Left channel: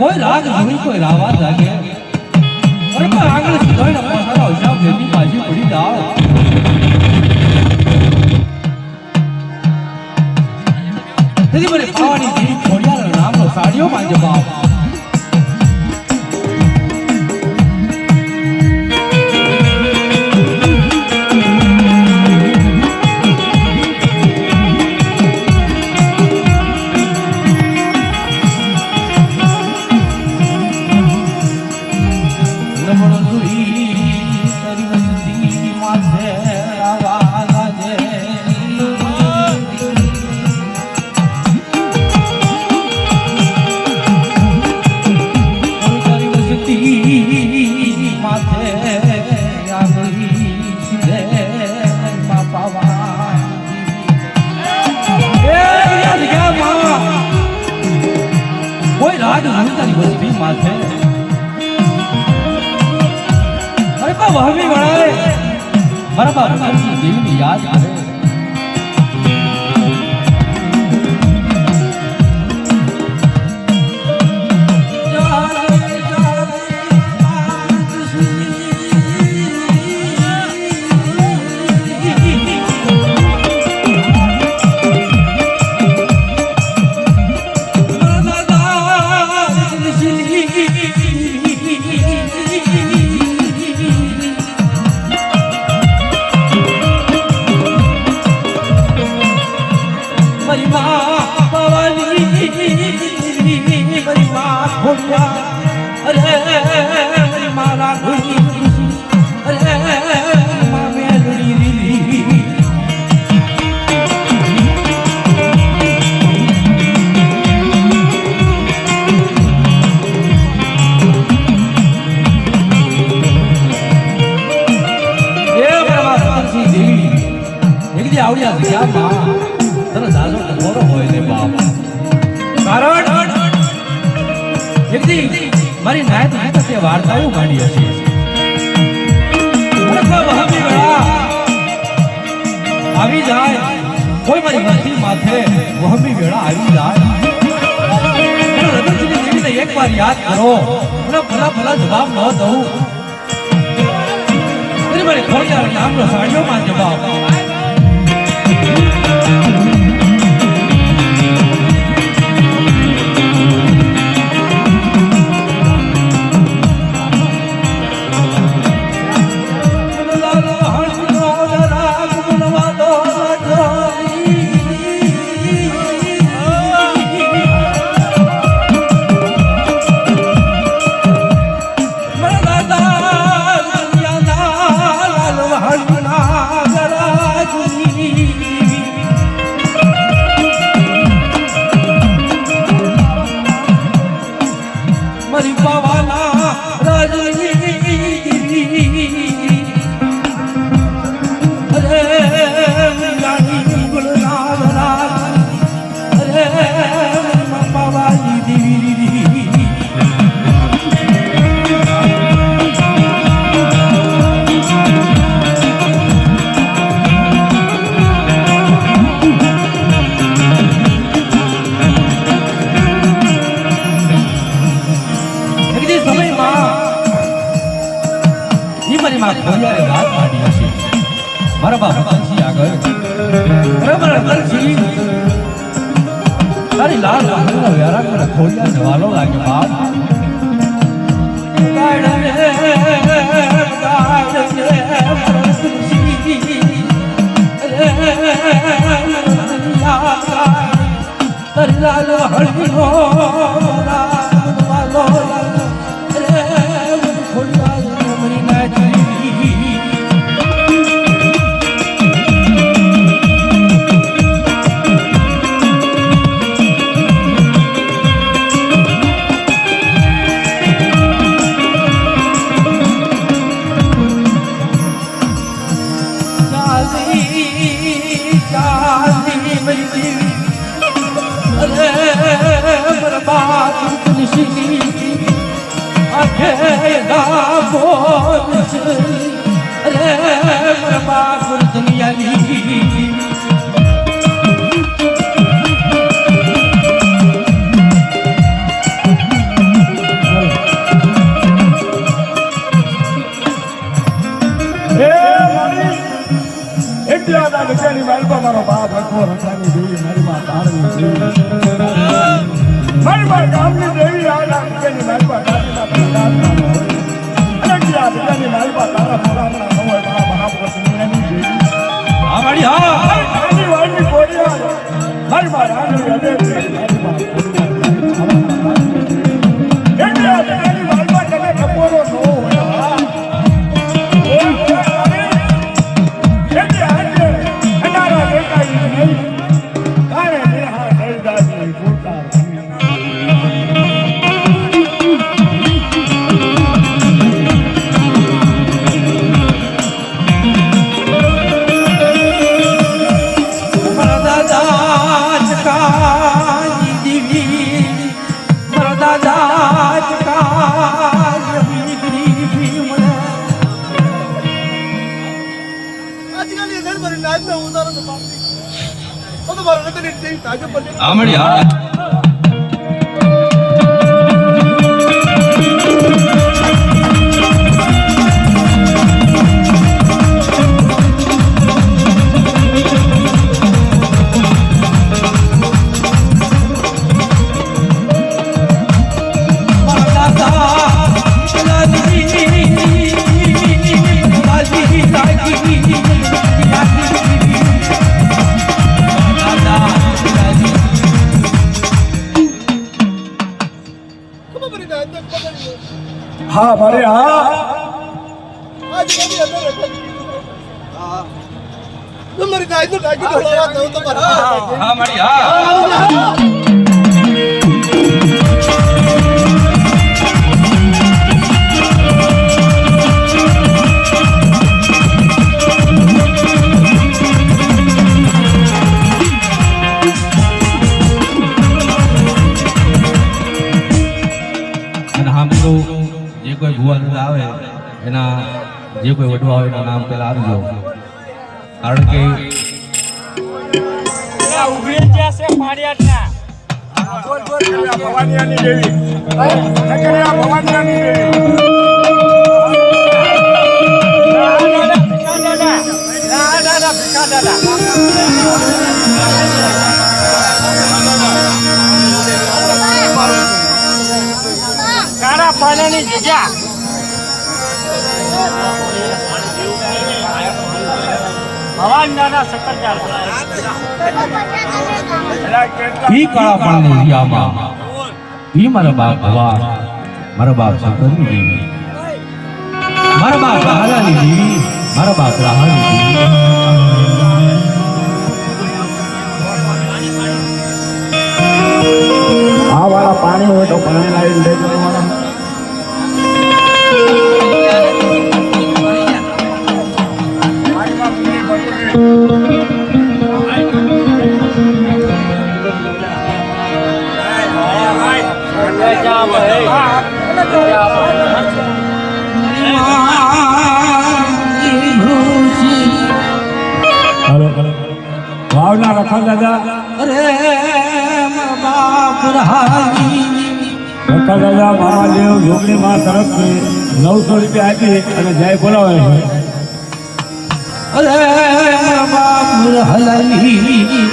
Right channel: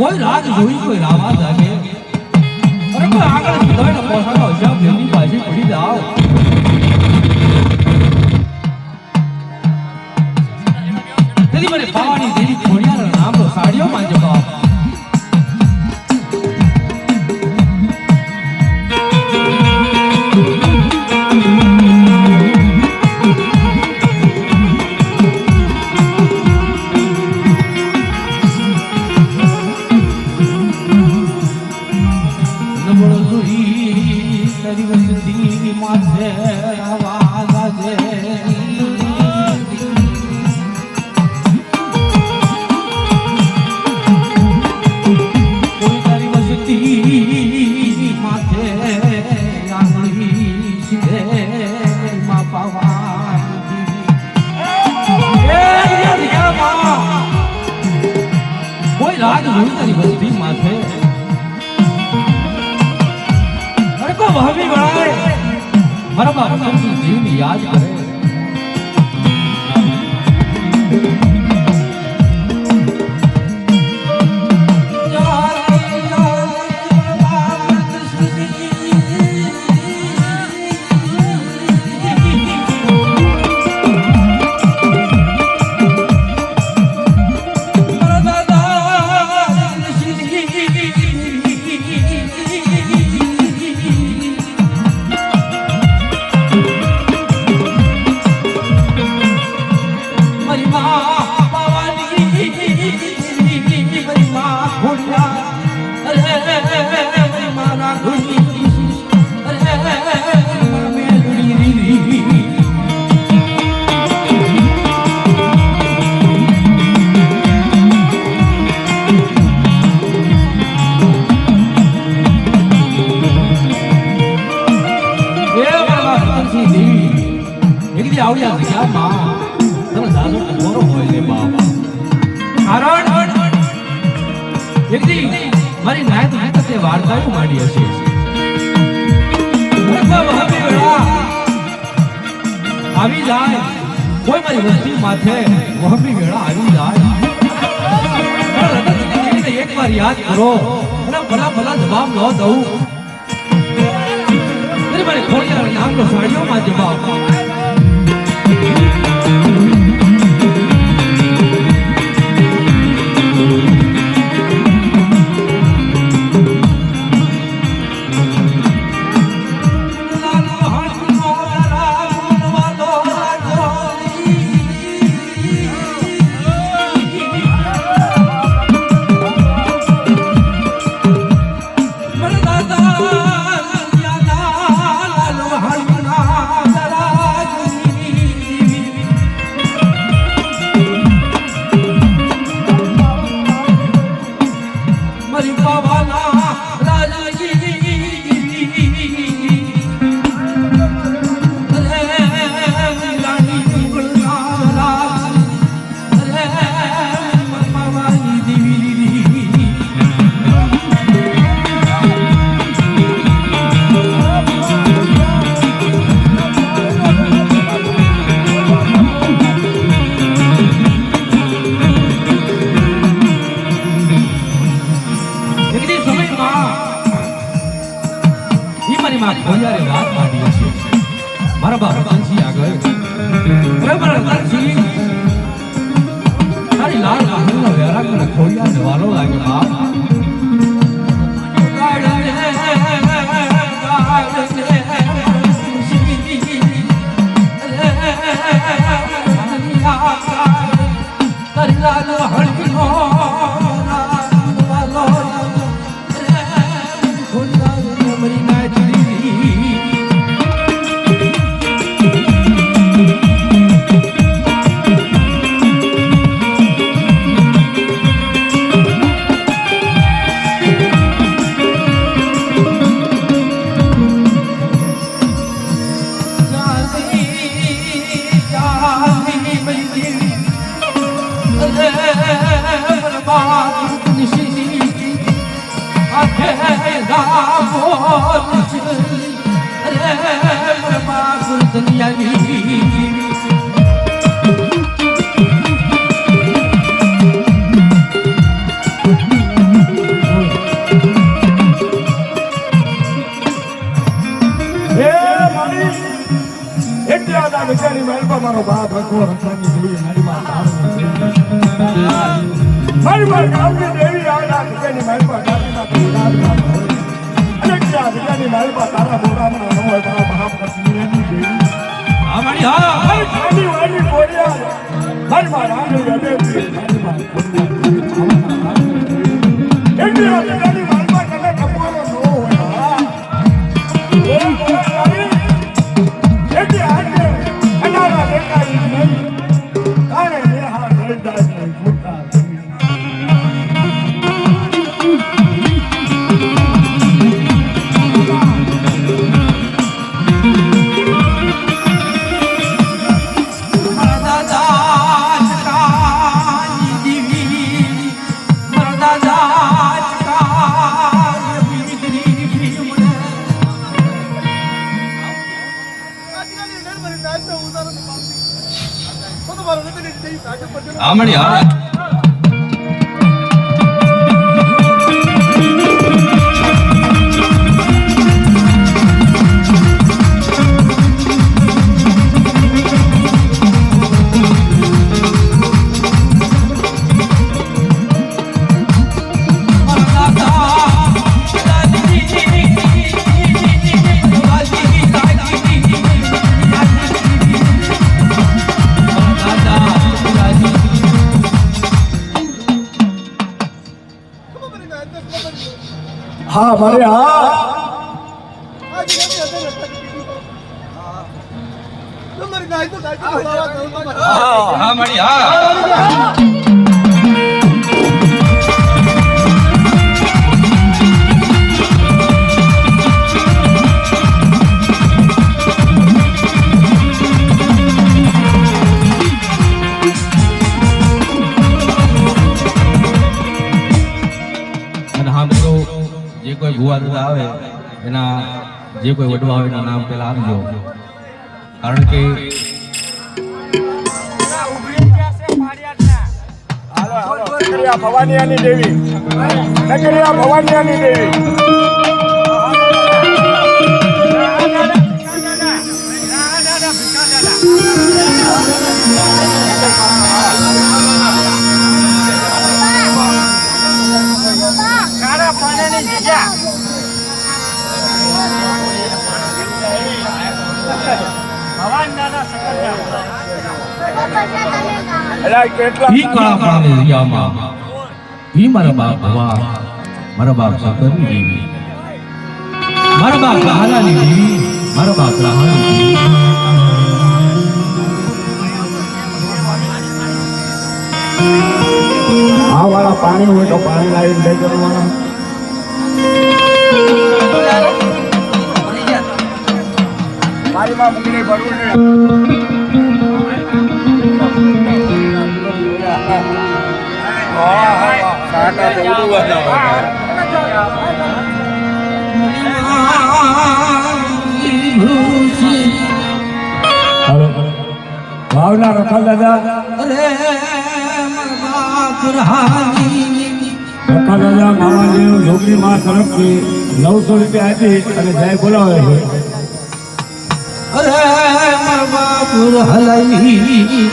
કોઈ રાગ જોઈ કોઈ રાવા જાગે અરે તો આગળ સીધો પોસાનો હિસાબ જેની બાજી પડી જાઓ તેની મને પાવાની જેવી ખોડિયાર નામનો સાડીઓ માં જવાબ યાદ કરે મારી નાયત હાથે વાર્તાઓ માંડી હશે આવી જાય કોઈ મારી વસ્તી માથે વહમી વેળા આવી જાય એકવાર યાદ કરો ભલા ભલા જવાબ ન દઉં મારી ખોડિયાર નામનો સાડીઓમાં જવાબ વિચારી માલપા મારો બાપ આખો રચાની દેવી મારી માં બાળની દેવી મારી માં ગામની દેવી આયા વિચારી માલપા ગામના ગામના અને ક્યાં વિચારી માલપા તારા બોરામણા નો હોય તારા બાપ રચની એની દેવી હા મારી હા ખાલી વાયની કોરિયા મારી માં રાણી હૃદય મારી માં એટલે વિચારી માલપા કને ટપોરો નો હોય હા મારી હા हाँ मारे हाँ હા મારી હા જે કોઈ ભુવાનું આવે એના જે કોઈ વડવા હોય એના નામ પેલા આપજો કારણ કે ભવાનિયાની દેવી ભવાનિયાની દેવી ઈ કાળા પાણી દરિયામાં ઈ મારા બાપ ભવા મારા બાપ શંકરની દેવી મારા બાપ હાલાની દેવી મારા બાપ રાહાની દેવી આ વાળા પાણી હોય તો પાણી લાવી લઈ જવાના મારી બાપ ઉગલી ભરપૂર ભાવના રખા દાદા અરે બાપ રાહાની રખા દાદા મહાદેવ યોગની માં તરફથી 900 રૂપિયા આપી અને જય બોલાવે છે અરે બાપ રાહાની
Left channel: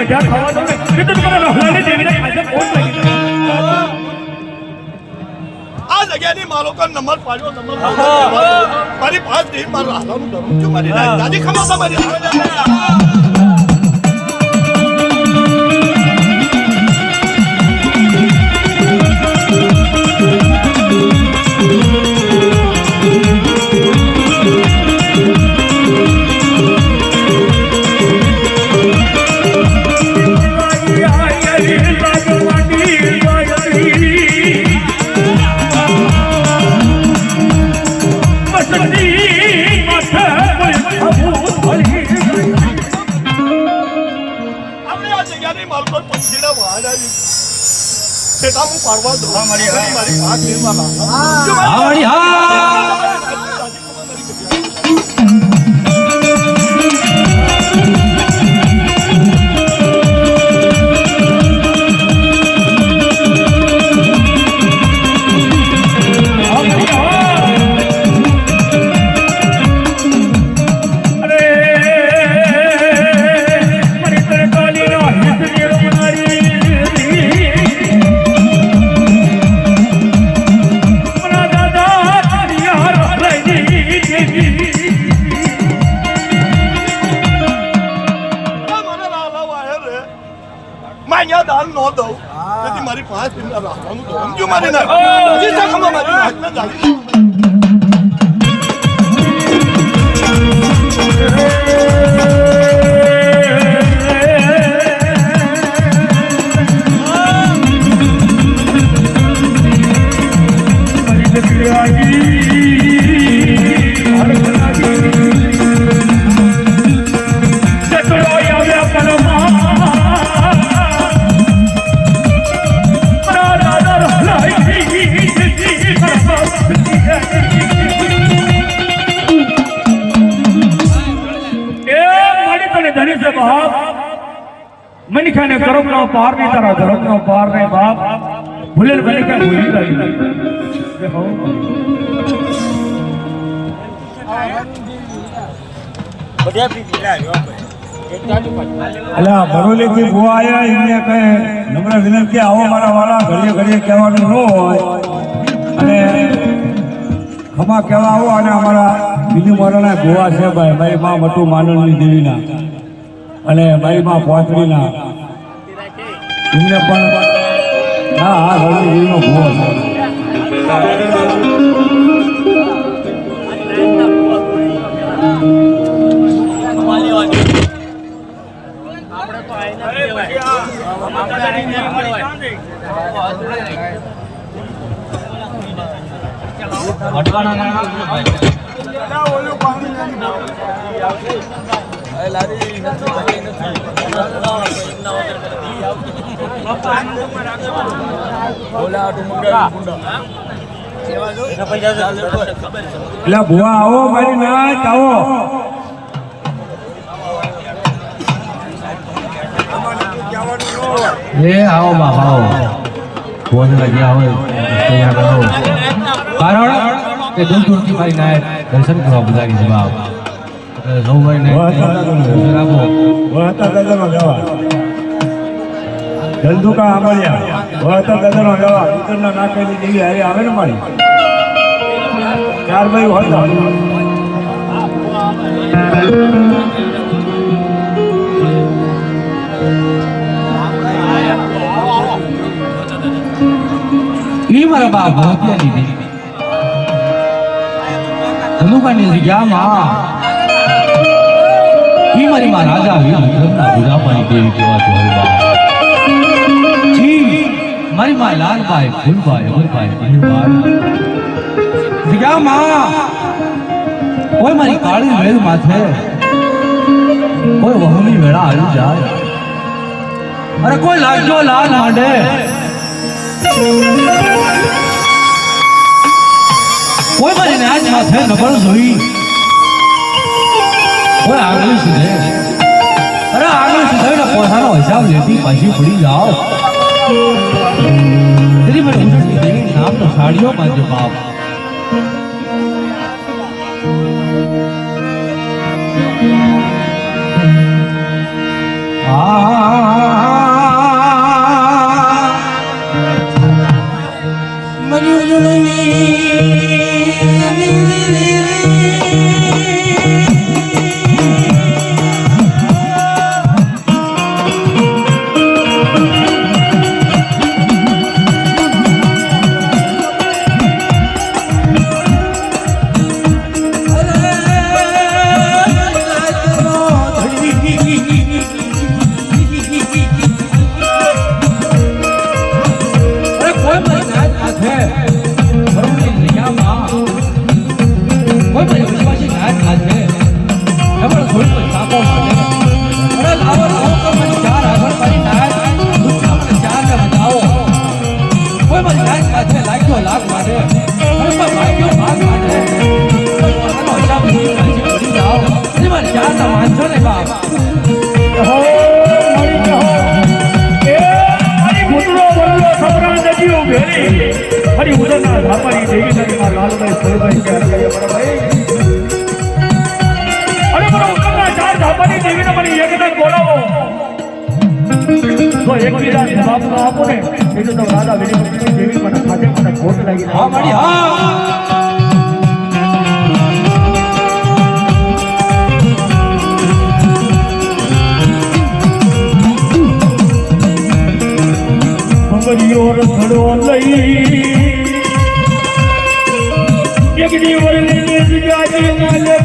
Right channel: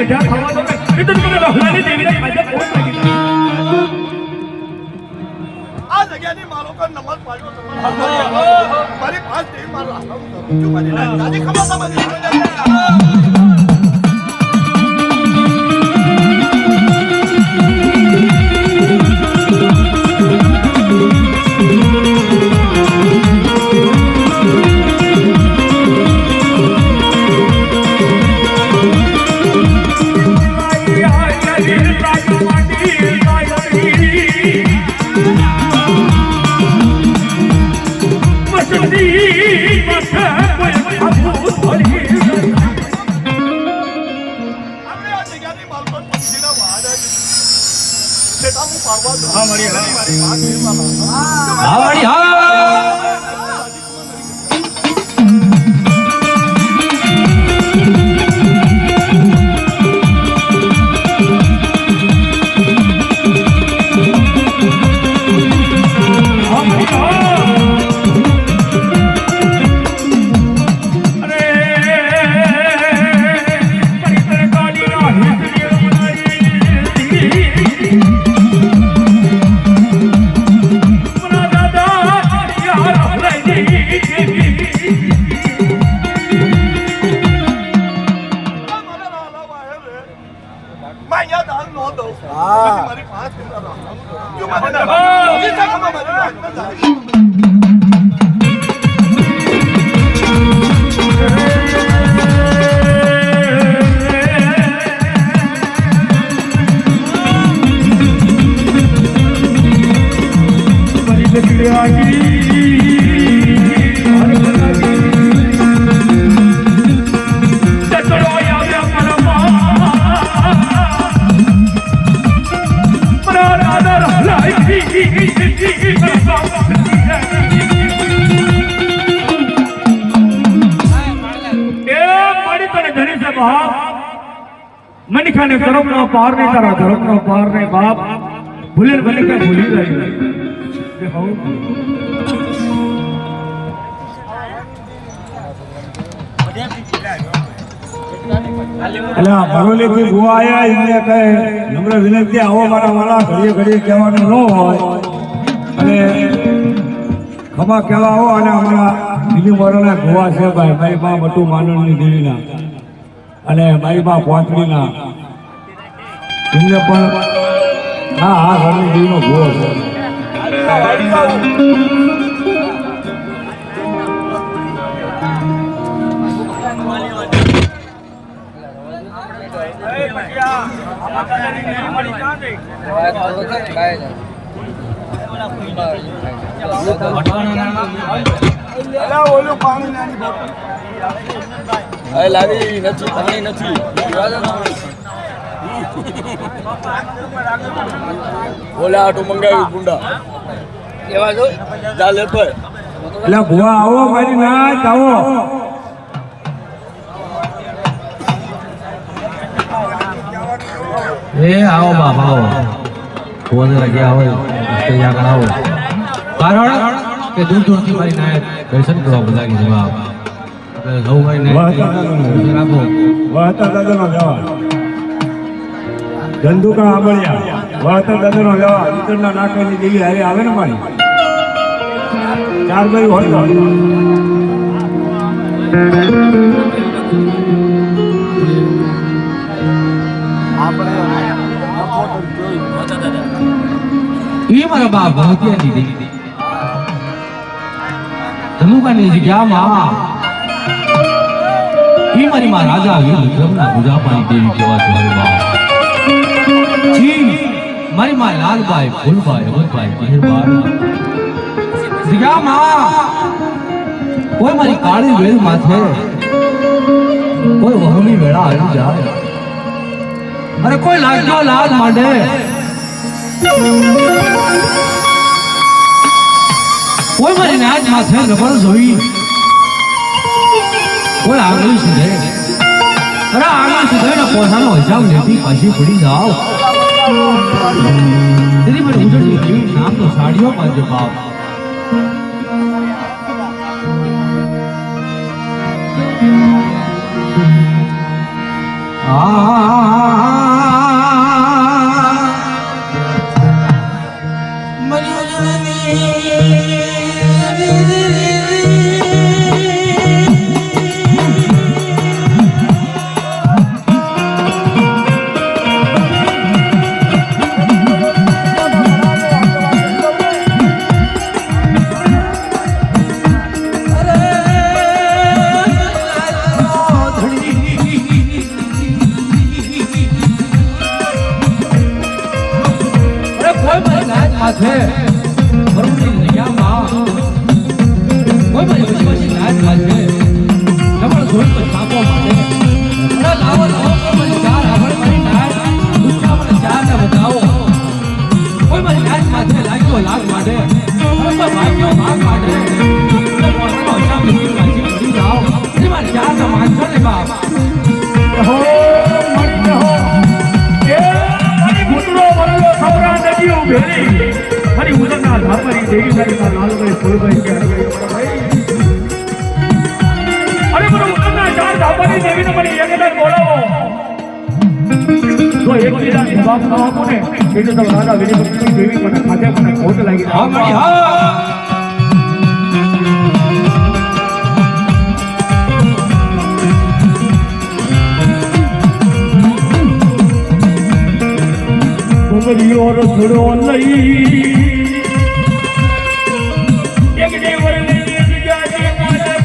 બધા ખાવા તમે જગ્યાની મારો પર નંબર પાડ્યો મારી પાંચ દિન મારા હાલમ ધરું છું મારી દાદી ખમા તમારી મારી પાંચ દિન મનિખાને કર્મનો પાર નહીં તારા ધર્મનો પાર નહીં બાપ ભૂલે મનિખા ભૂલી ગઈ અલા ભરોલેથી ભૂવા આયા એમને કહે નમ્ર વિનંતી આવો મારા વાળા ઘડીએ ઘડીએ કહેવાનું ન હોય અને ખમા કહેવા આવો અને અમારા બીજું મારાના ગોવા છે ભાઈ મારી માં મટુ માનવની દેવીના અને મારી માં પોતરીના એમને પણ હા ઘણી દેવીનો ભૂવો છે એટલે ભુવા આવો મારી નાચ આવો आओ बाबा आओ फोन लगे आओ आओ कारण के दूर दूर की भाई नायक दर्शन करवा बजा की जवाब सौ भाई नायक વહતા દાદાનો જવા ધંધુકા આમાયા વહતા દાદાનો જવા ઉત્તરના નાકેની દેવી હારી આવે ને મારી ચાર ભાઈ હોય ये मारा बाप भोतिया दीदी धनुका ने क्या मां ये मारी मां राजा हुई विक्रमना पूजा पानी देवी केवा तुम्हारी बाप जी मारी मां लाल भाई फूलभाई अमरभाई हीरभाई क्या मां कोई मारी काली वेल माथे कोई वहुली वेड़ा आलू जाए अरे कोई लागो लाल मांडे कोई मारी नाच माथे नबर जोई कोई आगली सीधे अरे आगली सीधे ना पौधा ना हिसाब लेती पासी पुड़ी जाओ तेरी मैं निकल गई नाम तो साड़ियों मांगे बाप मरियो जननी જોઈ તો સાપો મારે અરે લાવો લાવો તો મારી ચાર આગળ મારી નાય દુનિયામાં ચાર ને બતાવો કોઈ મારી નાય માથે લાગ્યો લાગ મારે અરે તો ભાગ્યો ભાગ મારે તો પોતાનો હિસાબ મૂકી રાજી કરી જાઓ અરે મારી ચાર ના માનજો ને બાપ હરી ઉદરના ધાપરી દેવી તારી માં લાલભાઈ સોલભાઈ ચાર અરે મને ઉદરના ચાર ધાપરી દેવી તો મને એકલા બોલાવો તો એક બીજા જવાબ ન આપો ને એટલે તો રાજા વિજયલક્ષ્મી દેવી મને ખાતે મને ખોટ લાગી હા મારી હા મરિયો રસડો લઈ એક જીવનની જગ્યાની નલે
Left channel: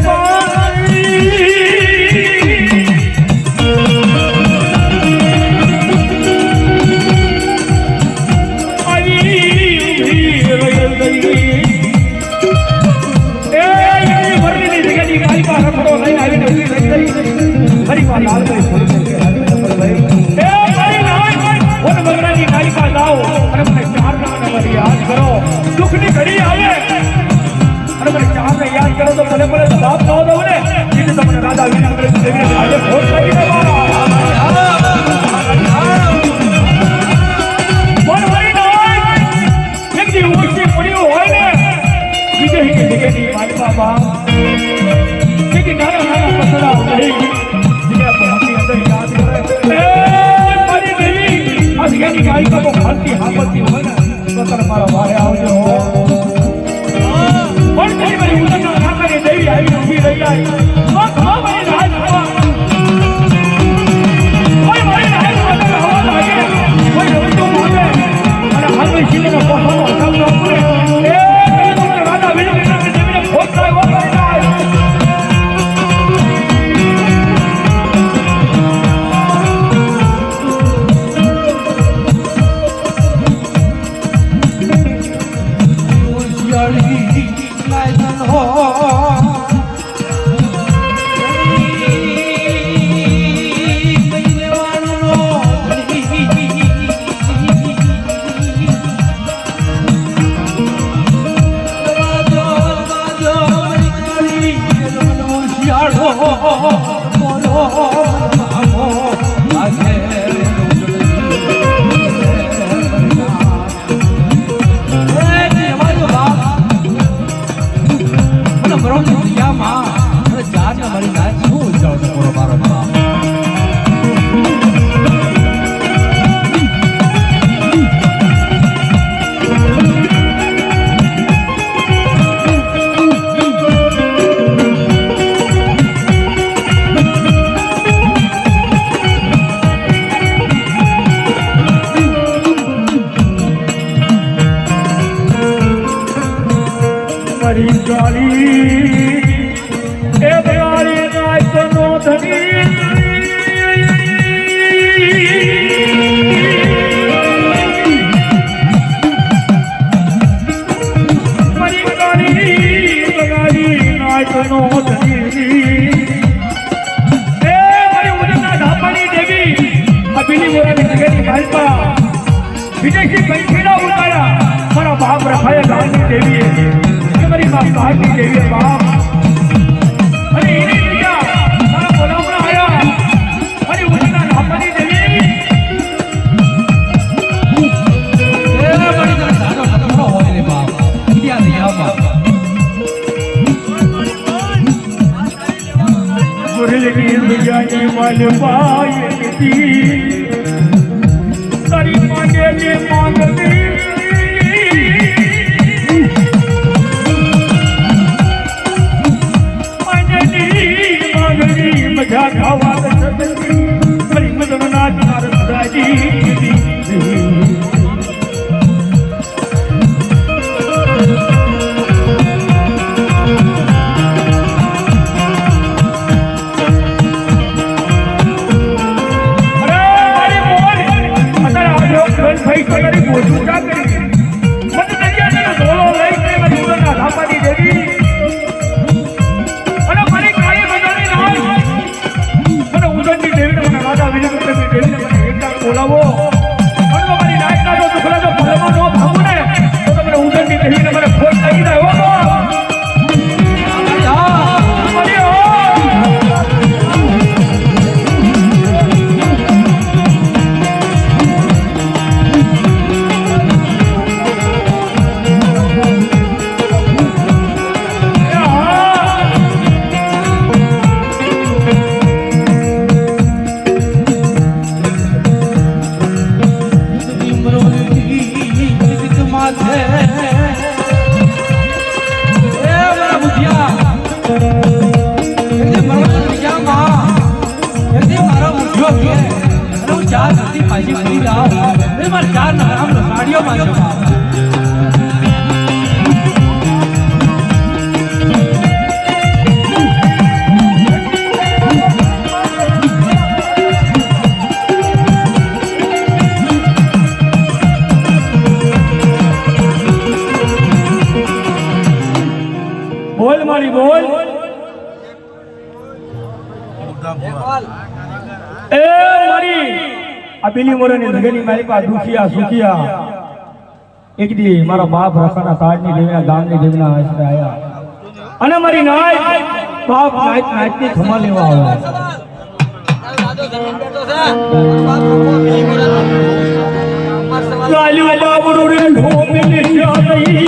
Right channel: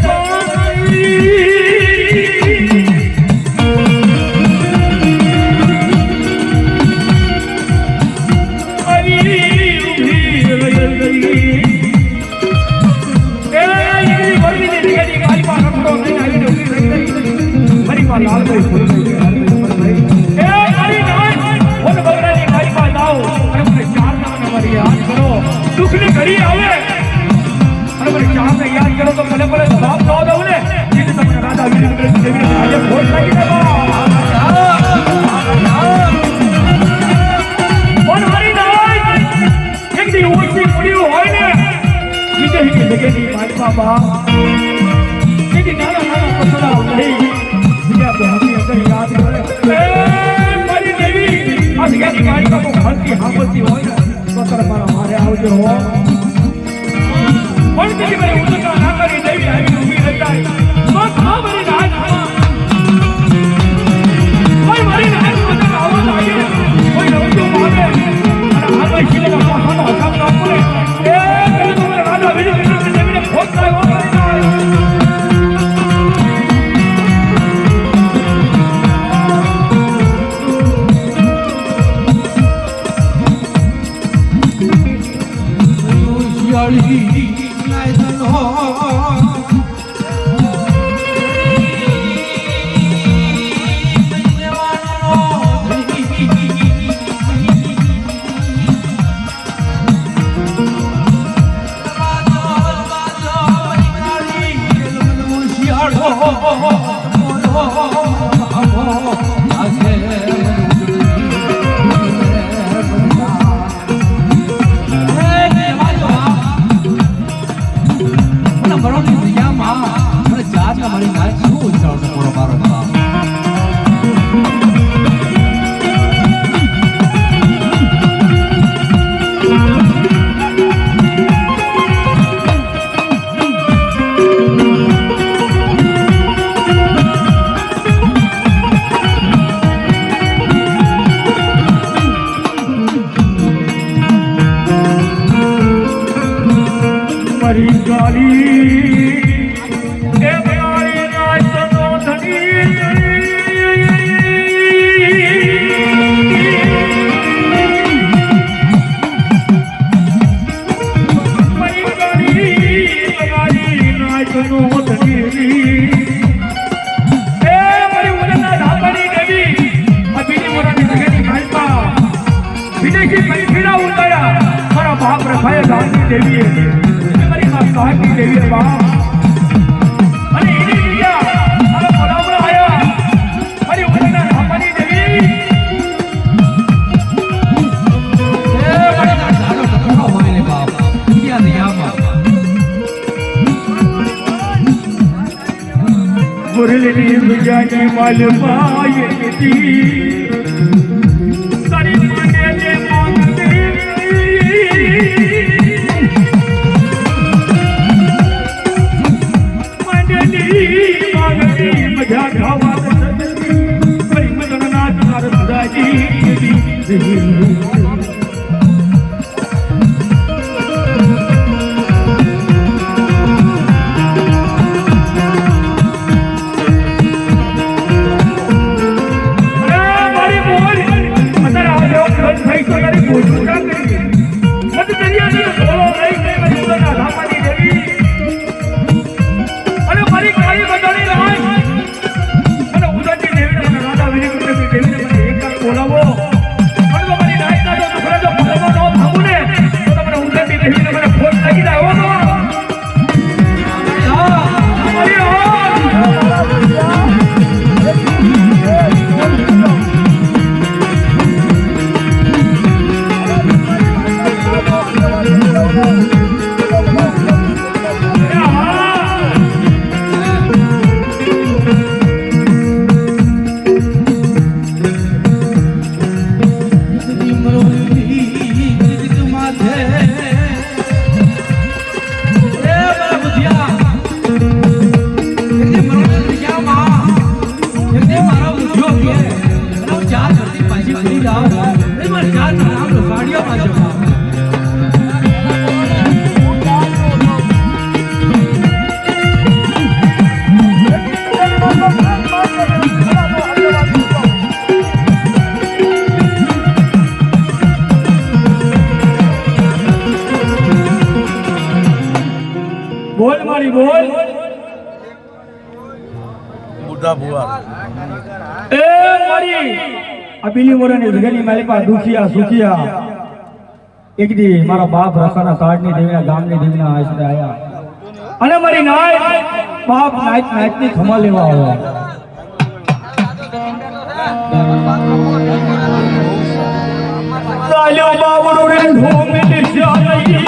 એ મારી આ બિલી મોરાની જગની મારી પાસે દુખિયા સુખિયા એક દી મારા બાપ રખાના કાળની દેવીના ગામની દેવીના આશરે આવ્યા અને મારી નાય બાપ નાઈટ ની ખમા લેવા આવ્યો લાલ્યો બાબરો રે ઢોમે નિશ્યા નહીં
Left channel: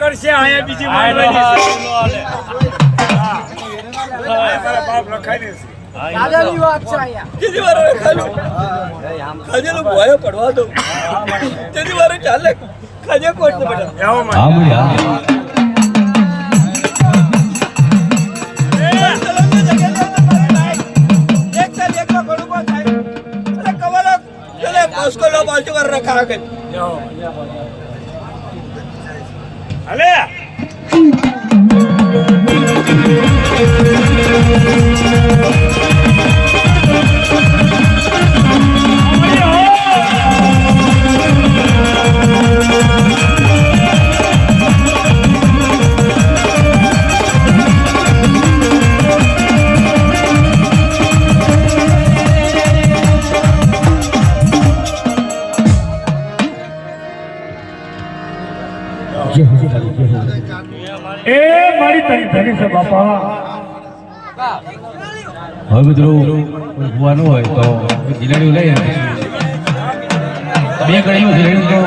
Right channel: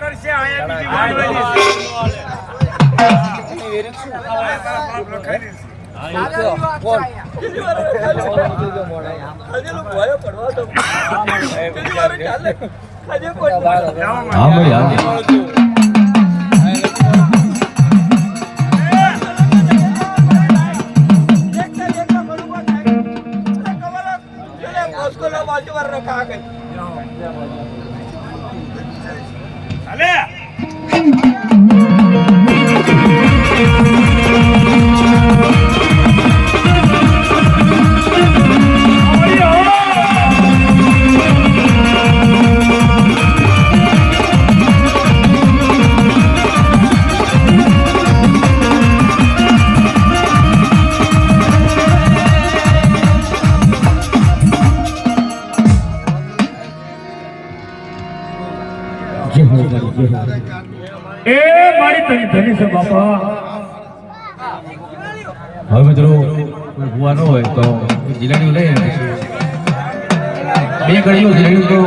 કરશે આયા બીજી બાપ રખાઈ દાદાની વાત છે આયા બીજી વાર ખાજો ખાજે લો ભયો પડવા દો તેની વાર ચાલે ખાજે કોટ બેટા હા ભાઈ હા रखा के अले ए मारी तनी धनी से बापा હવે મિત્રો ભૂવા ન હોય તો જીલેડું લઈ બે ગળ્યું જીલેડું તો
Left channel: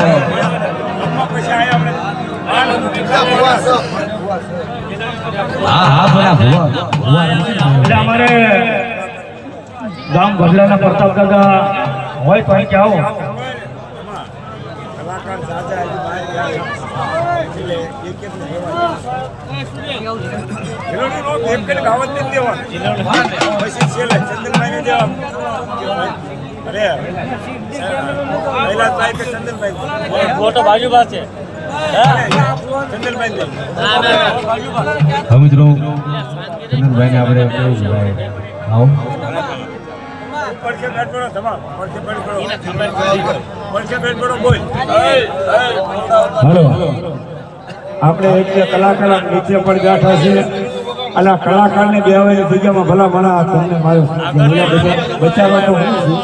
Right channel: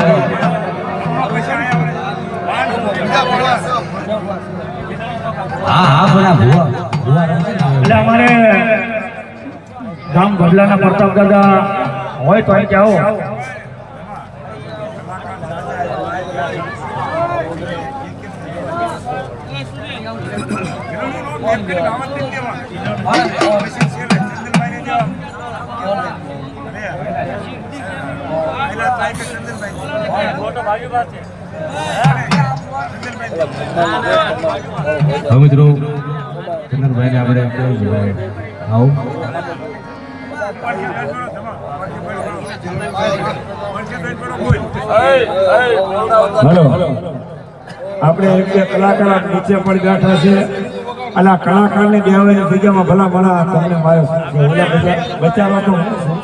હા હા બોલા ભૂવા ભૂવા એટલે અમારે ગામ ભરલાના પ્રતાપ દાદા હોય તો અહીં જાઓ હવે મિત્રો ચંદનભાઈને આપણે કેવું ભાઈ આવો હેલો આપણે એટલે કલાકાર નીચે પર બેઠા છે અને આ કલાકારને કહેવાય જગ્યામાં ભલા ઘણા તમને મારો બચાવવા તો હું છું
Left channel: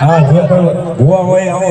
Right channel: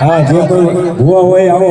હા જે કોઈ ભૂવા હોય આવે